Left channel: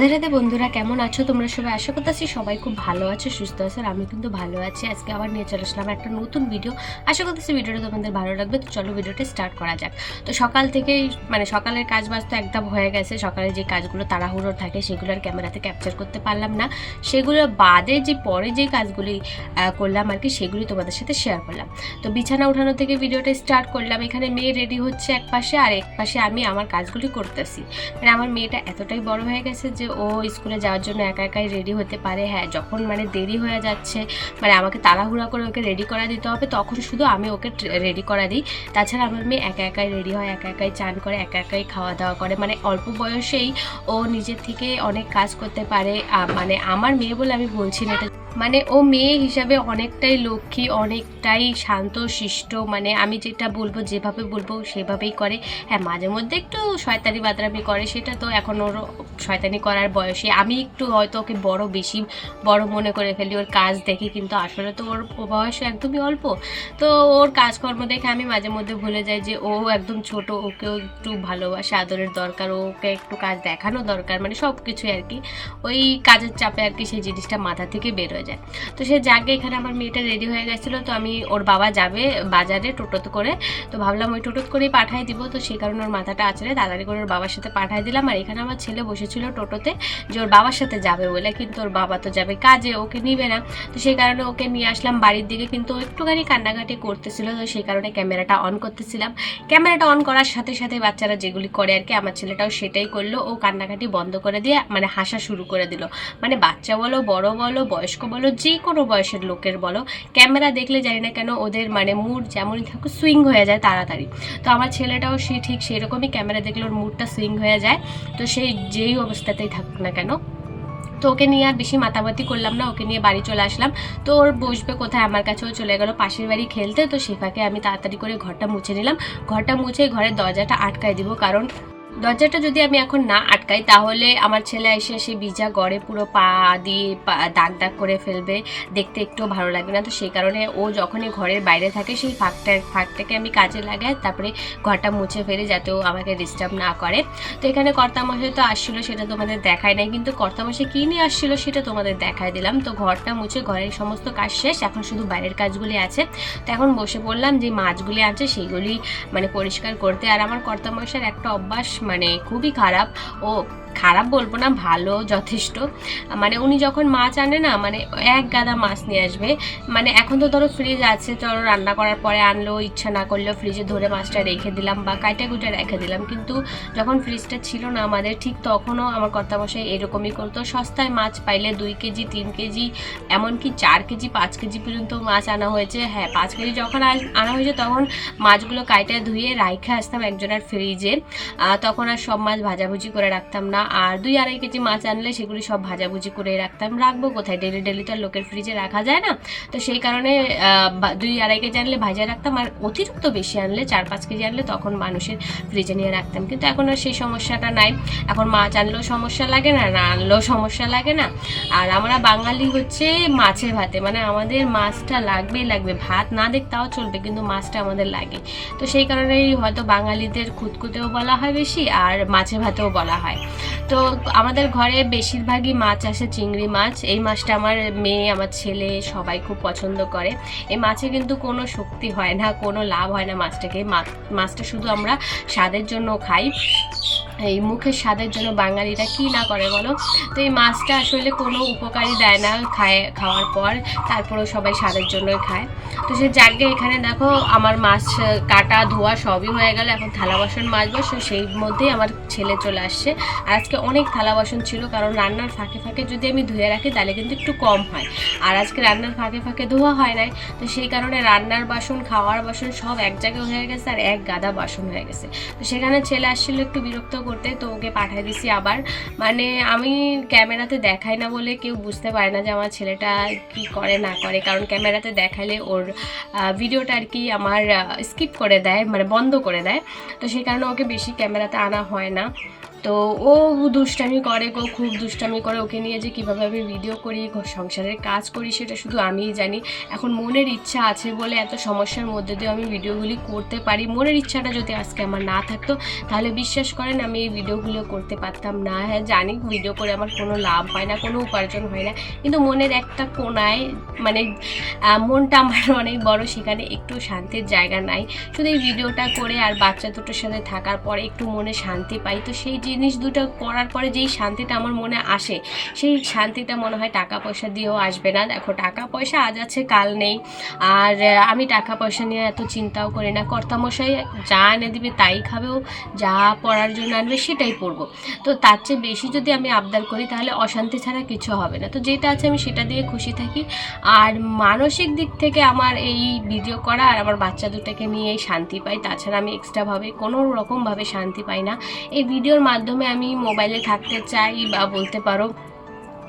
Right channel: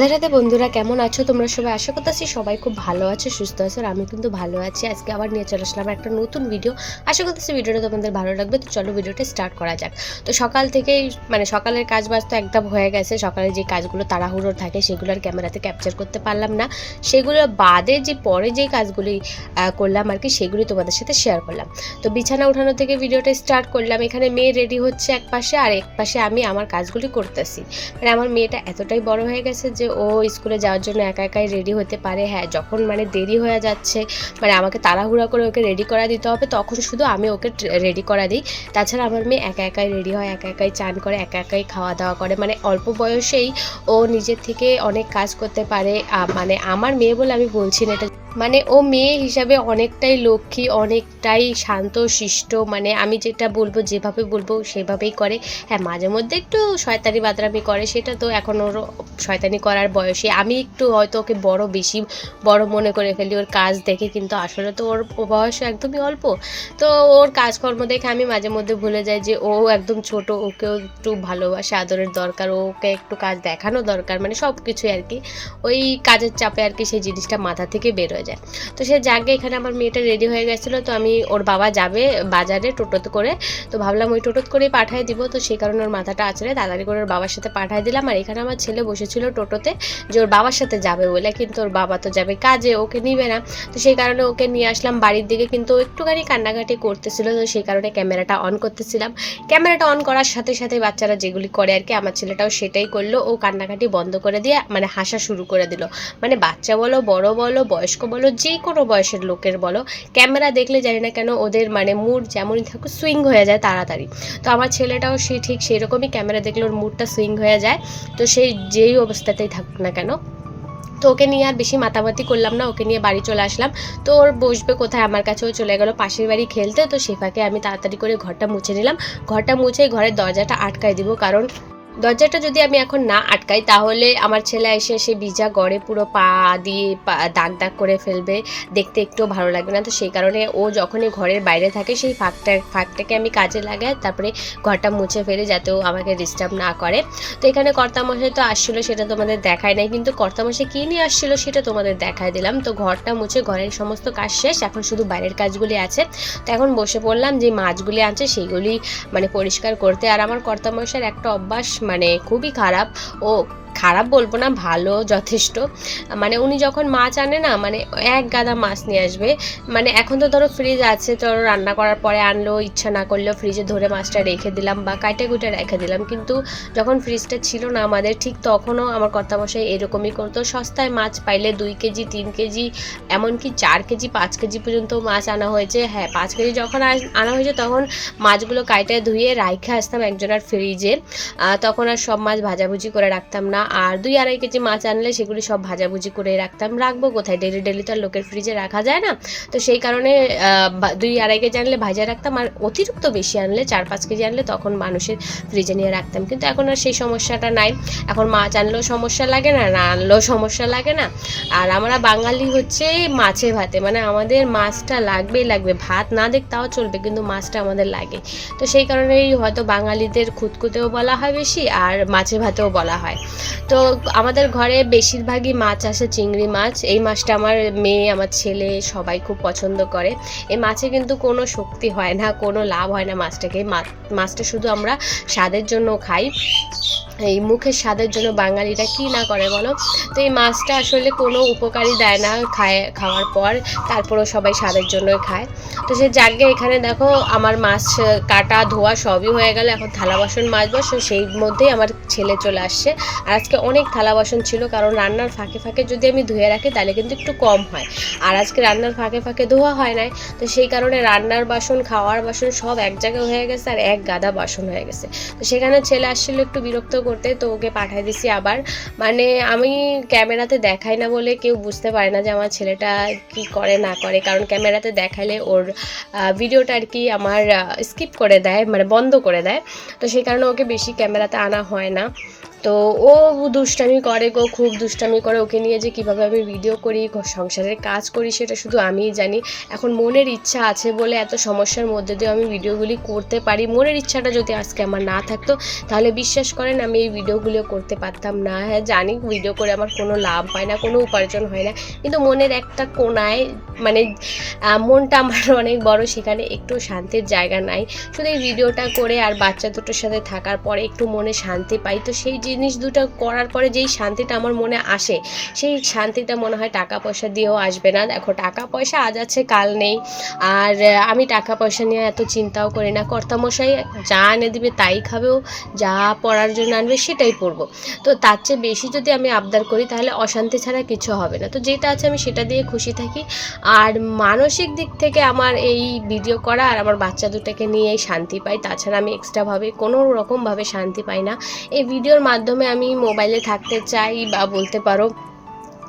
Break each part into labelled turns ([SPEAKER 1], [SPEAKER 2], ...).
[SPEAKER 1] রাধে রাধে বন্ধুরা কেমন আছো? তোমরা সবাই আশা করতেছি সবাই খুব ভালো আছো, সুস্থ আছো, আর আমি কিন্তু ভালো আছি। আজকে আবার নিয়ে চলে আসলাম একটা নতুন ভিডিও আশা করতেছি ভিডিওটা তোমাদের ভালো লাগবে, তো চলো ভিডিওটা স্টার্ট করা যাক। তো সকাল থেকেই মানে সকালের কাজ বাজ তো একদম হয়ে গেছে। সকালে যে কাজগুলো তাড়াহুড়ো থাকে, সেগুলো আর ক্যামেরাতে ক্যাপচার করতে পারলাম না। সেগুলো বাদে যে পরে যে কাজগুলি করলাম আর কি, সেগুলি তোমাদের সাথে শেয়ার করলাম। তো বিছানা উঠানো থেকে ভিডিওটা স্টার্ট করলাম। এখানে মেয়ে রেডি হচ্ছে এক পাশে আর এক পাশে আমি আমার কাজগুলি করতেছি। মানে আমার মেয়েটা এতটাই বড় হয়ে গেছে যে ও স্কুলে যাওয়ার জন্য একা একাই রেডি হতে পারে। হ্যাঁ যখন মানে দেরি হয়ে যাচ্ছে মানে আমাকে তাড়াহুড়া করে ওকে রেডি করা দিতে হবে, তখন শুধু আমি ওকে রেডি করা দিই। তাছাড়া আমার মেয়ে একা একাই রেডি হয়, একা একাই চান করে, একা একাই খাওয়া দাওয়া করে। মানে অল্প বয়সেই ও নিজের থেকে অনেক কাজ করতে পারে। মানে আমার মেয়ে বলে আমি বলছি না, এটা মানে ও মেয়ে হিসাবে অনেকটাই লক্ষ্মী, অনেকটাই শান্ত শিষ্ট মানে আমি যেটা বলব, যেভাবে বলব সেভাবেই করে। হ্যাঁ মাঝে মধ্যে একটু শয়তানি বাতরামি করে, সেটা তো এখন ওর শয়তানি করার বয়সে। আমি একটু হয়তো ওকে বড় বেশি বড় মনে করে ফেলি, ওর কাজ দেখে, কিন্তু আসলে তো ওর বয়স একদমই অল্প। তো ওর কাজকর্ম দেখে আমি মাঝে মধ্যে ভুলে যাই যে ও একদম ছোট, ওকেও একটু ভালোবাসা, আদরের দরকার, ওকে একটু কাজ দেখানো দরকার মানে সব কিছুই আর কি। ওই কাজের চাপে আর কি সেই জিনিসটা মাথা থেকে বের হয়ে যায়। তো সে যাকে এখানে আমার মেয়েটা রেডি হয়ে গেছিল, তো আমি ওর বাবা যাবে বাজারে টোটোতে করে। তো ভাবলাম ওই টোটোত করেই পাঠিয়ে দিব, তো সেই কারণে ওর মাথাটা আছড়ে তাড়াতাড়ি করে ওর বাবার সাথে পাঠিয়ে দিলাম। আর এখানে আমার ছেলে বসেছিল টোটোতে যে ওর বাবার সাথে যাবে বলে, কিন্তু ওর বাবা তো যাবে কাজে, ওকে নিবে না। তো সেই কারণে ওকে নিয়ে আসলাম বাড়ির দিকে, কিন্তু একটুখানি কান্নাকাটি করতেছিল, তো সেই কারণে ক্যামেরাটা অন করতেছিলাম। ক্যামেরাটা অন করার সাথে সাথে বাচ্চারা যেগুলি করে আর কি, আমার ছেলেটাও সেটাই করল। ও কান্নাকাটি বন্ধ করে দিয়ে মানে হাসা শুরু করে দিল। মানে বাচ্চা বলো, বড় বলো, বয়স্ক বলো যে কোনো বয়সের লোকের বলো, ক্যামেরা দেখলে জানি না কেন ওদের মানে মুড যেমনই থাকুক সুইং হয়ে যায় তাড়াতাড়ি। তো আমার ছেলেটাও সে ঠিক সেই রকমই ক্যামেরা দেখলে ওর মুডটা সুইং হয়ে যায়। তো সেই যেই অবস্থাতেই থাকুক না কেন। তো ওকে নিয়ে আর বেশি মাতামাতি করলাম না, ওকে নিয়ে বাড়ি চলে আসলাম। তো ওর বসবে কোথায়? আমার কাছেও চলে গেল পাশের বাড়ি খেলতে। তো সে ফাঁকে আমি তাড়াতাড়ি করে ঘরটা মুছে নিলাম। ঘরটা মুছে ঘরের দরজাটা আটকায় দিব, কারণ দরজাটা যদি আমি এখন না আটকাই, তাহলে আমার ছেলে এসে সে ভিজা গড়ে পুরো পা দিয়ে দাগ দাগ করে ফেলবে। দেখতে একটু ভালো লাগবে না। তো সেই কারণে ও যখনই ঘরের বাইরে থাকে, সেই ফাঁকটা, ফাঁকটাকে আমি কাজে লাগাই, তারপরে ঘরটা মুছে ফেলে যাতে ও আমাকে ডিস্টার্ব না করে। তো এখানে কর্তামশাই তো আসছিল, সেটা তোমাদের দেখায় নাই। কিন্তু কর্তামশাই কী নিয়ে আসছিল, সেটা তোমাদের দেখায় দিলাম। তো ঘরটা মুছে ঘরের সমস্ত কাজ শেষ। এখন শুধু বাইরের কাজগুলি আছে। তো এখন বসে পড়লাম, যে মাছগুলি আছে সেইগুলি মানে পরিষ্কার করতে। আর আমার কর্তামশার একটা অভ্যাস মানে খুবই খারাপ। ও খারাপ বলব না, ভালো, যথেষ্ট। মানে উনি যখন মাছ আনে না মানে এক গাদা মাছ নিয়ে আসবে। মানে এখন তো ধরো ফ্রিজ আছে ধরো রান্না করার পরে আনলো ইচ্ছা না করলেও ফ্রিজে ধরে মাছটা রেখে দিলাম বা কাটে কুটে রেখে দিলাম। কিন্তু যখন ফ্রিজটা ছিল না আমাদের, ঠিক তখনও আমার কর্তামশাই এরকমই করতো। সস্তায় মাছ পাইলে দুই কেজি, তিন কেজি, এমনকি চার কেজি, পাঁচ কেজি পর্যন্ত মাছ আনা হয়েছে। হ্যাঁ পাঁচ কেজি যখন আনা হয়েছে তখন মাছগুলো কাইটে ধুয়ে রাইখে আসতাম একজনের ফ্রিজে তখন আর সব মাছ ভাজাভুজি করে রাখতাম না। আর দুই আড়াই কেজি মাছ আনলে সেগুলি সব ভাজাভুজি করে রাখতাম। রাখব কোথায়? ডেলি ডেলি তো আর লোকের ফ্রিজে রাখা যায় না। তো সেই কারণে দুই আড়াই কেজি আনলে ভাজা রাখতাম আর অতিরিক্ত বেশি আনলে চার পাঁচ কেজি আনলে তখন মানুষের ফ্রিজে নিয়ে রাখতাম। কিন্তু এখন আর সেই সমস্যাটা নাই। এখন মাছ আনলেও সমস্যা লাগে না না আনলেও সমস্যা লাগে না। আর আমরা বাঙালি হচ্ছে মাছে ভাতে। মানে আমাদের মাছটা লাগবেই লাগবে। ভাত না দেখ তাও চলবে, কিন্তু মাছটা আমাদের লাগে। তো সেই কারণেই হয়তো বাঙালিদের খুঁতকুতেও বলা হয় বেশি আর মাছে ভাতেও বলা হয়। তো আমাদের ঘরে বেশিরভাগই মাছ আসে চিংড়ি মাছ। এই মাছটা আমার মেয়ে, আমার ছেলে সবাই খুব পছন্দ করে। এই মাছে কিন্তু কোনো শক্তি হয় না, কোনো লাভ হয় না মাছটাকে। মাছটা শুধু আমরা স্বাদের জন্য খাই। এই মুখের স্বাদের জন্য বাঙালিরা কি না করে বলো? তো এই মাছটা আসলে কোনো উপকারী দেয় না খায়, খাওয়ার পর। তারপরেও সবাই স্বাদের জন্যই খায়। তো সে জায়গায় এখানে দেখো, আমার মাছ কাটা, ধোয়া সবই হয়ে গেল। এখন থালা বাসন মাজবো সেই মধ্যেই আমার ছেলে চলে আসছে। আর আজকে অনেক থালা বাসন ছিল, কারণ রান্নার ফাঁকে ফাঁকে যদি আমি ধুয়ে রাখি, তাহলে কিন্তু একটু কম হয়। আর আজকে রান্নার ফাঁকে ফাঁকে ধোয়া হয় নাই। তো সেই কারণে রান্নার বাসন, খাওয়ার বাসন সব এক জায়গায় হয়ে গেছে, আর এক গাদা বাসন হয়ে গেছে। তো সেখানে ছেলে আসছিল, একটু বিরক্ত করতে তো ওকে পাঠিয়ে দিছি আবার। মানে আমি ক্যামেরাতে দেখাই না বলে কেউ বুঝতে পারে না যে আমার ছেলেটা কি করে না করে। কারণ ক্যামেরাতে দেখালে ওর ভিডিওটা আর কি আমার স্কিপ করে দেয় মানে বন্ধ করে দেয়। তো সেই কারণে ওকে বেশি ক্যামেরাতে আনা হয় না। তো ও দুষ্টামি করে গো, খুব দুষ্টামি করে ওকে নিয়ে যে কীভাবে আমি ভিডিও করি সংসারের কাজ করি সেটা শুধু আমিই জানি। এখন মনের ইচ্ছা আছে বলে এত সমস্যার মধ্যে দিয়ে আমি ভিডিওগুলি করতে পারি। মনের ইচ্ছাটা যদি আজকে আমার না থাকতো, তাহলে বিশ্বাস করেন আমি এই ভিডিওগুলো করতে পারতাম না। হ্যাঁ জানি ভিডিও করে আমার কোনো লাভ হয় না, কোনো উপার্জন হয় না। কিন্তু মনের একটা কোনায় মানে মনটা আমার অনেক বড়, সেখানে একটু শান্তির জায়গা নাই। শুধু এই ভিডিওটা করে আর বাচ্চা দুটোর সাথে থাকার পরে একটু মনে শান্তি পাই। তো সেই জিনিস দুটো করার পরে যেই শান্তিটা আমার মনে আসে, সেই শান্তিটা মনে হয় টাকা পয়সা দিয়েও আসবে না। দেখো, টাকা পয়সা আজ আছে, কাল নেই। আর আমি টাকা পয়সা নিয়ে এত চিন্তাও করি না। কর্তামশাই যা এনে দিবে তাই খাবেও যা পড়ার জন্য আনবে সেটাই পড়ব। তো তার চেয়ে বেশি যদি আমি আবদার করি, তাহলে অশান্তি ছাড়া কিছু হবে না। তো যেটা আছে আমি সেটা দিয়ে খুশি থাকি। আর মানসিক দিক থেকে আমার এই ভিডিও করা আর আমার বাচ্চা দুটাকে নিয়ে শান্তি পাই। তাছাড়া আমি এক্সট্রাভাবে কোনো রকমভাবে শান্তি পাই না। এই ভিডিওর মাধ্যমে আমি মোবাইলে থাকতে চাই বা বলতে পারো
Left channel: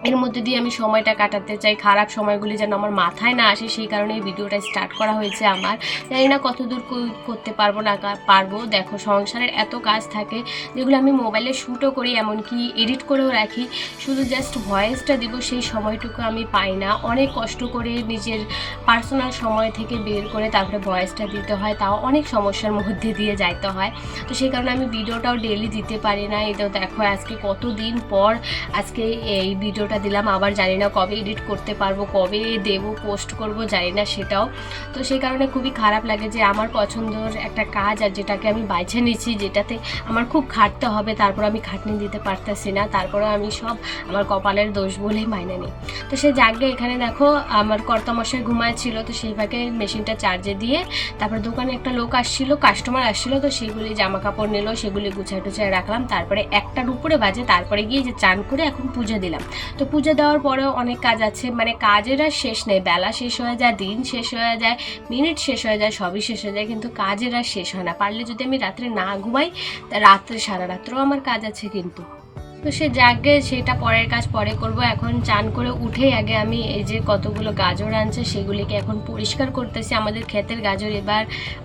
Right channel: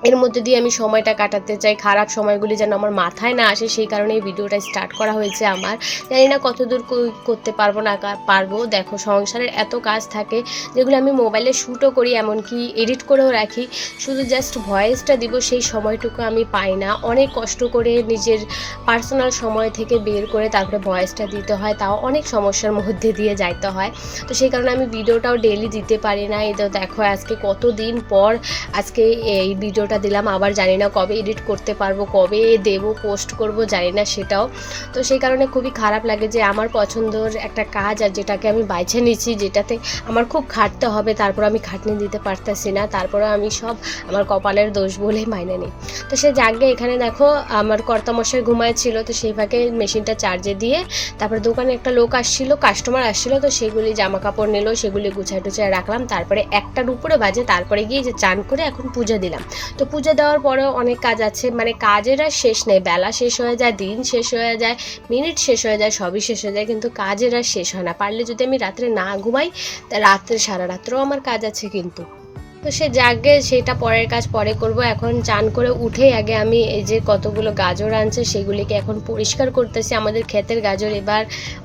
[SPEAKER 1] এর মধ্যে দিয়ে আমি সময়টা কাটাতে চাই, খারাপ সময়গুলি যেন আমার মাথায় না আসে, সেই কারণে এই ভিডিওটা স্টার্ট করা হয়েছে আমার। জানি না কতদূর করতে পারব না পারব। দেখো, সংসারের এত কাজ থাকে, যেগুলো আমি মোবাইলে শ্যুটও করি, এমনকি এডিট করেও রাখি। শুধু জাস্ট ভয়েসটা দিব, সেই সময়টুকু আমি পাই না। অনেক কষ্ট করে নিজের পার্সোনাল সময় থেকে বের করে তারপরে ভয়েসটা দিতে হয়, তাও অনেক সমস্যার মধ্যে দিয়ে যাইতে হয়। তো সেই কারণে আমি ভিডিওটাও ডেলি দিতে পারি না। তো দেখো, আজকে কতদিন পর আজকে এই ভিডিওটা দিলাম, আবার জানি না কবে এডিট করতে পারব, কবে দেব পোস্ট করব, জানি না সেটাও। তো সেই কারণে খুবই খারাপ লাগে যে আমার পছন্দর একটা কাজ আর যেটাকে আমি বাইছে নিচ্ছি যেটাতে আমার খুব খাটতে হবে, তারপর আমি খাটনি দিতে পারতেছি না, তারপরে আমি সব আমার কপালের দোষ বলেই মাইনে নিই। তো সে জাগে এখানে দেখো, আমার কর্তামশাই ঘুমাচ্ছিল তো সেই ফাঁকে মেশিনটা চার্জে দিয়ে তারপর দোকানে একটা লোক আসছিল কাস্টমার আসছিল, তো সেগুলি জামা কাপড় নিল, সেগুলি গুছায় টুছায় রাখলাম, তারপরে একটার উপরে বাজে, তারপরে গিয়ে যে চান করে এখন পুজো দিলাম। তো পুজো দেওয়ার পরেও অনেক কাজ আছে। মানে কাজের আর শেষ নেই। বেলা শেষ হয়ে যায়, দিন শেষ হয়ে যায়, মিনিট শেষ হয়ে যায়, সবই শেষ হয়ে যায়। কিন্তু কাজের আর শেষ হয় না। পারলে যদি আমি রাত্রে না ঘুমাই, তা রাত্রে, সারা রাত্রেও আমার কাজ আছে কিন্তু। তো সে জাগে সেটা পরের কাজ পরে করব। এখন চান করে উঠে আগে আমি এই যে কতগুলো গাজর আনছে সেগুলিকে এখন পরিষ্কার করতেছি। আমাদের ক্ষেতের গাজর এবার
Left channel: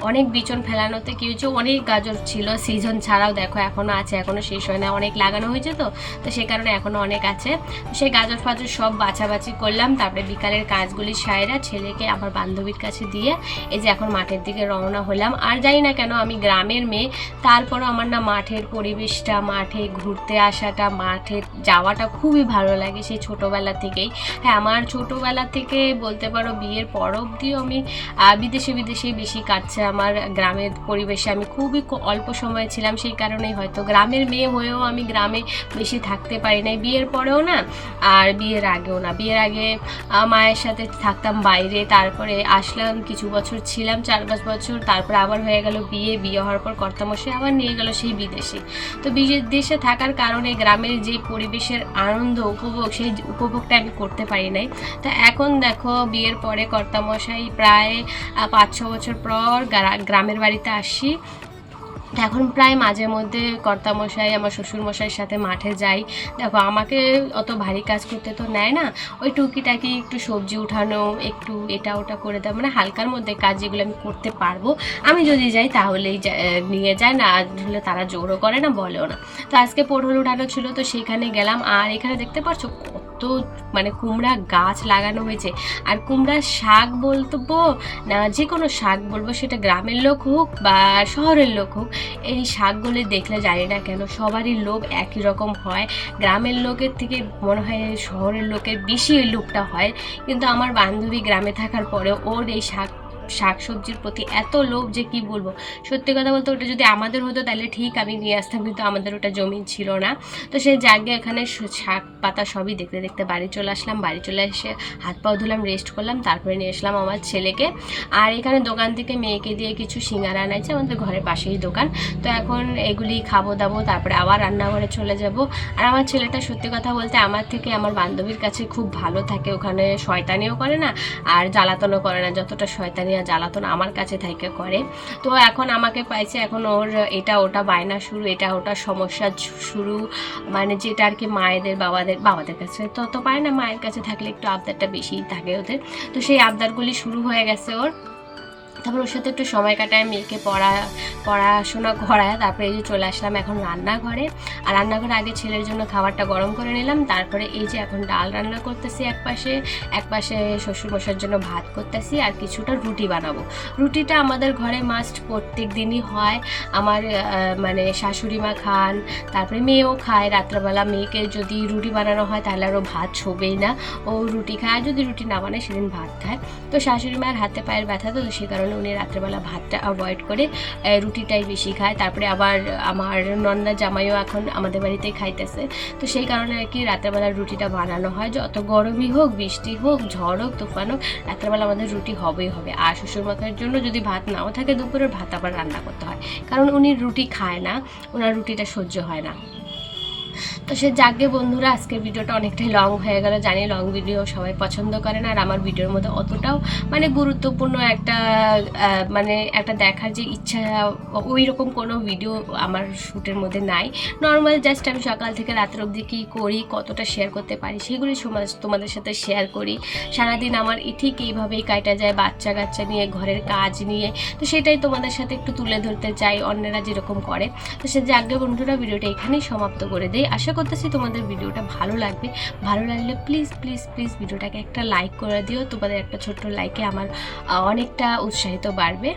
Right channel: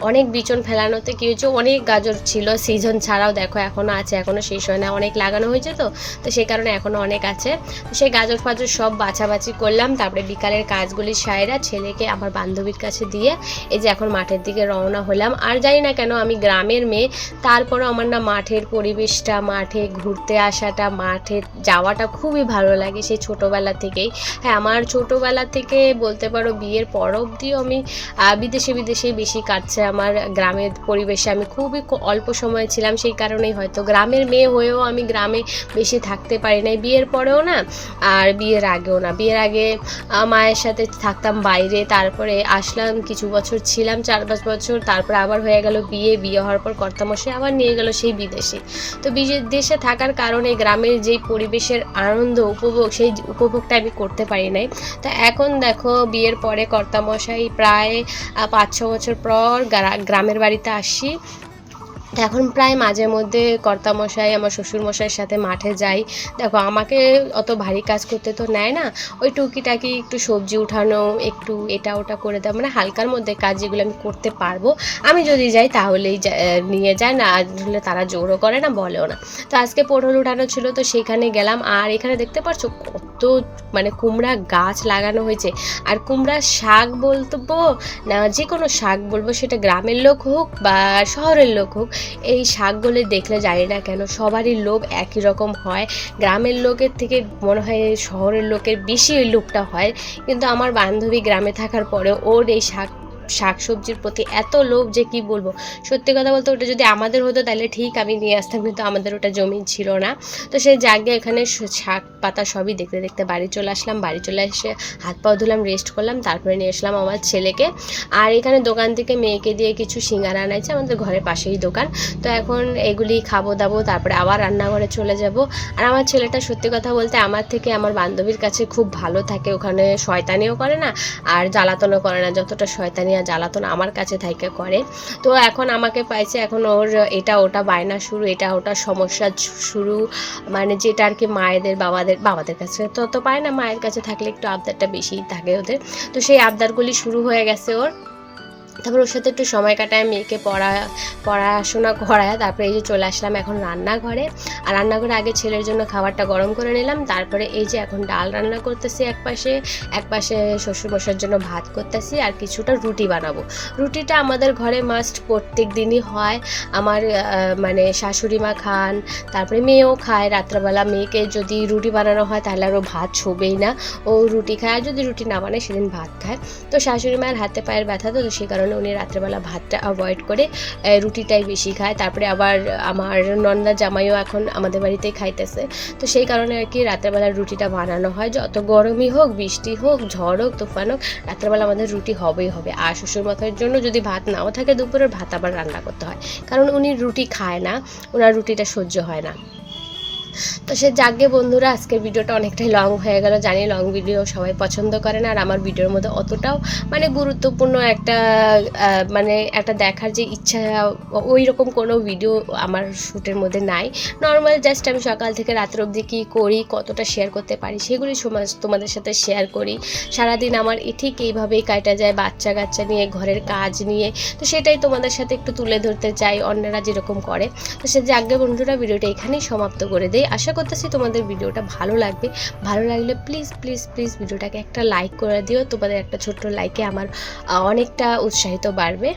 [SPEAKER 1] অনেক বিচন ফেলানোতে কি হয়েছে, অনেক গাজর ছিল সিজন ছাড়াও দেখো এখনও আছে এখনও শেষ হয় না, অনেক লাগানো হয়েছে তো তো সেই কারণে এখনও অনেক আছে। তো সেই গাজর ফাজর সব বাছাবাছি করলাম, তারপরে বিকালের কাজগুলি সায়রা ছেলেকে আমার বান্ধবীর কাছে দিয়ে এই যে এখন মাঠের দিকে রওনা হলাম। আর জানি না কেন আমি গ্রামের মেয়ে, তারপরও আমার না মাঠের পরিবেশটা, মাঠে ঘুরতে আসাটা মাঠে যাওয়াটা খুবই ভালো লাগে সেই ছোটোবেলা থেকেই। হ্যাঁ আমার ছোটোবেলা থেকে বলতে পারো বিয়ের পর অবধিও আমি বিদেশে, বিদেশেই বেশি কাটছে আমার গ্রামের পরিবেশে। আমি খুবই অল্প সময় ছিলাম, সেই কারণেই হয়তো গ্রামের মেয়ে হয়েও আমি গ্রামে বেশি থাকতে পারি নাই। বিয়ের পরেও না, আর বিয়ের আগেও না। বিয়ের আগে মায়ের সাথে থাকতাম বাইরে, তারপরে আসলাম, কিছু বছর ছিলাম, চার পাঁচ বছর, তারপরে আবার হয়ে গেল বিয়ে। বিয়ে হওয়ার পর কর্তামশাই আবার নিয়ে গেল সেই বিদেশে। তো বিদেশে থাকার কারণে গ্রামের যে পরিবেশের আনন্দ, উপভোগ, সেই উপভোগটা আমি করতে পারি নাই। তো এখন দেখো, বিয়ের পরে কর্তামশাই প্রায় পাঁচ ছ বছর পর গ্রামের বাড়িতে আসি। এখন প্রায় মাঝে মধ্যে কর্তামশাই, আমার শ্বশুরমশাইয়ের সাথে মাঠে যাই। দেখো, আমাকে অত ভারী কাজ করতে তো নেয় না। ওই টুকিটাকি একটু সবজি উঠানো, একটু এটা ওটা করে দেয় মানে হালকার মধ্যে কাজ যেগুলো আমি করতে পারব। আমি যদি যাই তাহলেই নিয়ে যায়। না হলে তারা জোরও করে না, বলেও না। তো আজকে পটল উঠানো ছিল, তো সেখানে গেলাম। আর এখানে দেখতে পাচ্ছ কত মানে কুমড়া গাছ লাগানো হয়েছে। আর কুমড়ার শাক বলব না যে কোনো শাক বলব, সেটা গ্রামের লোক হোক বা শহরের লোক হোক, এই শাকগুলো দেখলে জানি না কেন সবারই লোভ একই রকম হয়। গ্রামের লোকের থেকে মনে হয় শহরের লোকের বেশি লোভটা হয়। কিন্তু আমার বান্ধবী গ্রামে থাকার পরে ওর এই শাক শাক সবজির প্রতি এত লোভ যে কি বলব? সত্যি কথা বলতে ওটা যদি আমাদের হতো তাহলে ঠিক আমি নিয়ে আসতাম, কিন্তু আমাদের ওটা জমি ছিল না। তো সেই জায়গায় এখানে শাক পাতা সবই দেখতে দেখতে বাড়ি চলে আসলাম। বাড়ি চলে এসে হাত পা ধুলাম রেস্ট করলাম, তারপরে নিয়ে আসলাম আমার ছেলেকে। আর এখানে দোকান থেকে মেয়েকে দিয়ে কিছু সিঙ্গারা আনাইছে আমাদের ঘরের পাশেই দোকান। তো এখন এগুলি খাব দাবো, তারপরে আবার রান্নাঘরে চলে যাব। আর আমার ছেলেটা সত্যি কথা বলতে আমার থেকে আমার বান্ধবীর কাছে খুব ভালো থাকে, ওখানে শয়তানিও করে না, আর জ্বালাতনও করে না, যতটা শয়তানি আর জ্বালাতন আমার কাছে থাইকে করে। তো এখন আমাকে পাইছে এখন ওর এটা ওটা বায়না শুরু, এটা ওটা সমস্যা শুরু মানে যেটা আর কি মায়েদের, বাবাদের বাবাদের কাছে। তো তো পায় না মায়ের কাছে থাকলে একটু আবদারটা বেশিই থাকে ওদের। তো সেই আবদারগুলি শুরু হয়ে গেছে ওর। তারপর ওর সাথে একটু সময় কাটায়, মেয়েকে পড়া, পড়াশোনা করায়, তারপরে এই যে চলে আসলাম এখন রান্নাঘরে। আর রান্নাঘরে আগে ছেলের জন্য খাবারটা গরম করে নিলাম, তারপরে এই যে এখন ডাল রান্না করতেছি এক পাশে এক পাশে জন্য ভাত করতেছি, আর কিছুটা রুটি বানাবো। রুটিটা আমাদের ঘরে মাস্ট প্রত্যেক দিনই হয়। আমার মানে শাশুড়ি মা খান, তারপরে মেয়েও খায়। রাত্রেবেলা মেয়েকে যদি রুটি বানানো হয়, তাহলে আরও ভাত ছোবেই না। ও রুটি খায়, আর যদি রুটি না বানায়, সেদিন ভাত খায়। তো শাশুড়ি মায়ের হাতে পায়ের ব্যথা, তো সে কারণে উনি রাত্রেবেলা ভাতটা অ্যাভয়েড করে রুটিটাই বেশি খায়। তারপরে আবার আমার নন্দা জামাইও এখন আমাদের বাড়িতেই খাইতেছে। তো সেই কারণে আর কি রাত্রেবেলা রুটিটা বানানো হয়। যত গরমই হোক, বৃষ্টি হোক, ঝড় হোক, তুফান হোক, রাত্রেবেলা আমাদের রুটি হবেই হবে। আর শ্বশুর মাথার জন্য যদি ভাত নাও থাকে দুপুরের ভাত আবার রান্না করতে হয়। কারণ উনি রুটি খায় না, ওনার রুটিটা সহ্য হয় না। তো সে যাকে বন্ধুরা, আজকের ভিডিওটা অনেকটাই লং হয়ে গেল। জানি লং ভিডিও সবাই পছন্দ করে না, আর আমার ভিডিওর মধ্যে অতটাও মানে গুরুত্বপূর্ণ একটা মানে একটা দেখার যে ইচ্ছা ওই রকম কোনো ভিডিও আমার শ্যুটের মধ্যে নাই। নর্মাল জাস্ট আমি সকাল থেকে রাত্র অবধি কী করি, কতটা শেয়ার করতে পারি, সেগুলি তোমাদের সাথে শেয়ার করি। সারাদিন আমার ঠিক এইভাবেই কাটা যায়, বাচ্চা কাচ্চা নিয়ে, ঘরের কাজ নিয়ে। তো সেটাই তোমাদের সাথে একটু তুলে ধরতে চাই, অন্যরা যেরকম করে। তো সে যাকে বন্ধুরা, ভিডিওটা এখানেই সমাপ্ত করে দেয় আশা করতেছি, তোমাদের ভিডিওটা ভালো লাগবে। ভালো লাগলে প্লিজ প্লিজ প্লিজ ভিডিওটাকে একটা লাইক করে দিও। তোমাদের একটা ছোট্ট লাইকে আমার অনেকটা উৎসাহিত বাড়বে।